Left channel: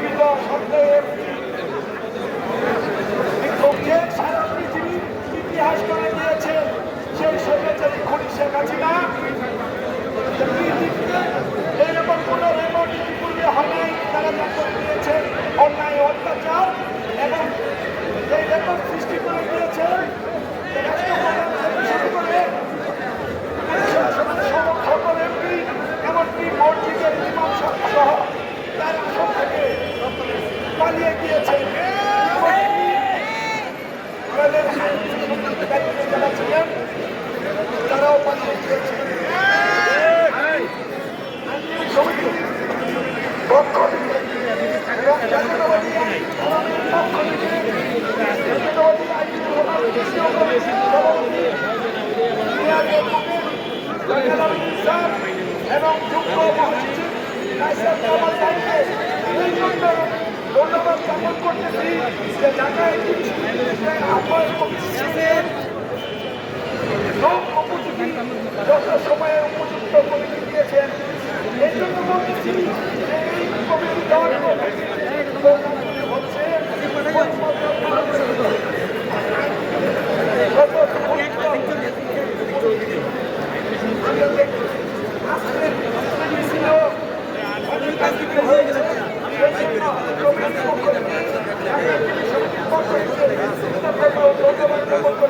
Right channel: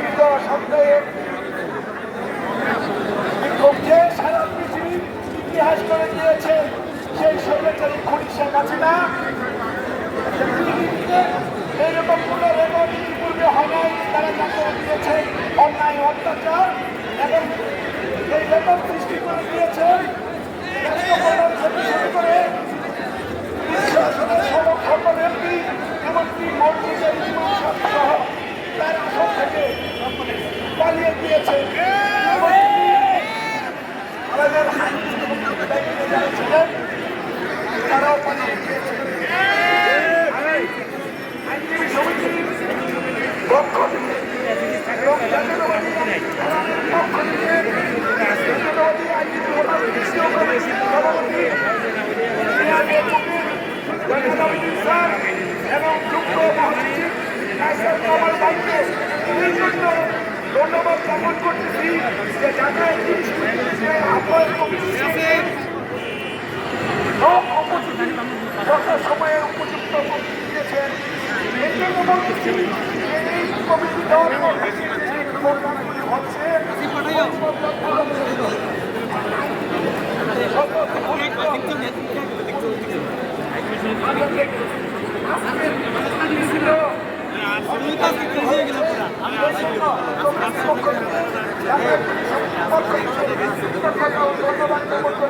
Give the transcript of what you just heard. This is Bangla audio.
নিয়মিত সপ্তাহে যে সারা পৃথিবীর ইতিহাস করে দিয়েছে। সেই স্বৈরাচারী খুনি শেখ হাসিনা। পৃথিবীতে এইরকম কোনো রেকর্ড ইতিপূর্বে হয় তারা যা করে দিয়েছে, অন্যায়, অত্যাচার এবং এই রেকর্ড সৃষ্টি করে দিয়েছে রাষ্ট্রপ্রধান থেকে শুরু করে শাসনের সকল এমপি, এমনকি মসজিদের ইমাম সহ তার আসন থেকে পালিয়ে গিয়েছে। আমাদের দায়িত্বে যারা ছিলেন, তারাও পালিয়ে গিয়েছে। আইনজীবী সমিতির পক্ষ থেকে পক্ষ থেকে এবং যুক্ত মহাসচিব কায়সার কামাল এই জন্য ধন্যবাদ জ্ঞাপন করতেছি যে ঢাকা আহ্বায়ক কমিটির সব উপযোগী যথা সময়ে উপযুক্ত কমিটি দিয়েছেন এই জন্য বলতেছি এই কমিটি দেওয়ার প্রোগ্রামগুলি হচ্ছে আজকের ছিল পক্ষ থেকে